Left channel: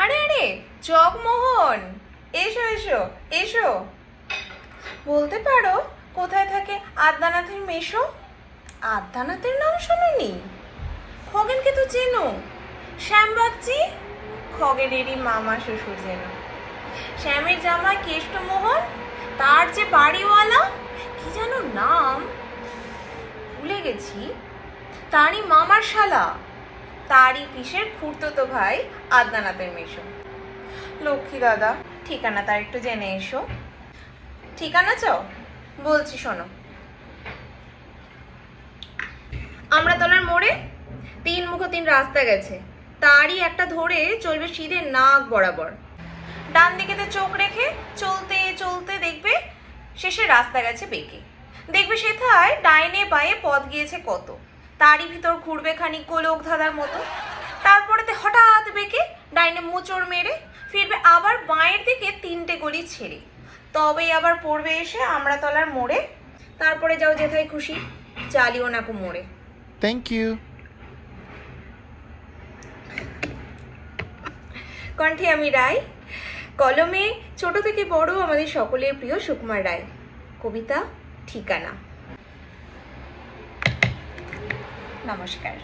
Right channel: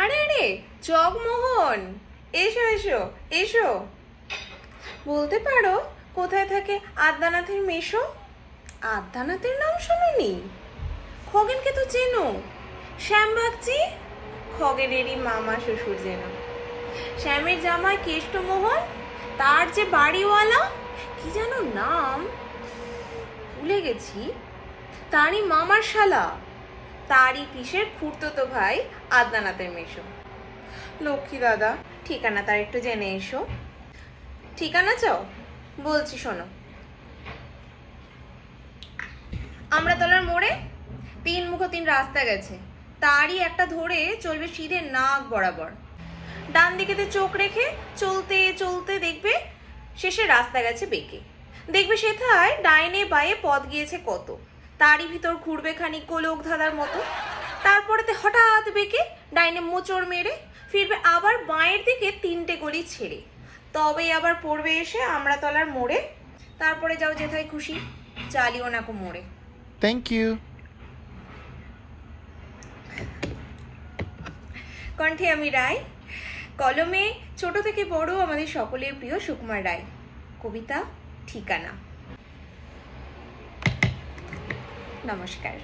আরে আরে জগমোহন, এসো এসো এসো। বলতে পারো কোথায় থাকে আদ্যানাথের মেশো? আদ্যানাথের নাম শোনোনি? খগেনকে তো চেনো, শ্যামবাগচি খগেনেরই মামা শ্বশুর যেন। শ্যামের জামাই কেষ্টমোহন, তার যে বাড়িওয়ালা কি যেন নাম ভুলে গেছি, তারই মামার শালা, তারই পিসের খুড়তুতো ভাই আদ্যানাথের মেশো। লক্ষ্মী দাদা, ঠিকানা তার একটু জেনে এসো। ঠিকানা চাও? বলছি শোনো। আমরাতলার মোড়ে 3 মুখ 3 রাস্তা গেছে, তারই একটা ধরে চলবে সিধে নাক বরাবর। ডান দিকেতে চোখ রেখে চলতে চলতে দেখবে শেষে রাস্তা গেছে বেঁকে। দেখবে সেথায় ডাইনে বাঁয়ে পথ গিয়েছে কত, তারই ভিতর ঘুরবে খানিক গোলক ধাঁধার মতো। তারপরেতে হঠাৎ বেঁকে ডাইনে মোচড় মেরে ফিরবে আবার বাঁয়ের দিকে 3টে গলি ছেড়ে, তবেই আবার পড়বে এসে আমরাতলার মোড়ে। তারপরে যাও যেথায় খুশি, চালিও নাকো মোড়ে। Thank you. কণ্ঠে আমি রায়, কলমে ছোট থেকে বড় আমাদের সকলের প্রিয় সুকুমার রায়। কবিতা ঠিকানা। নমস্কার।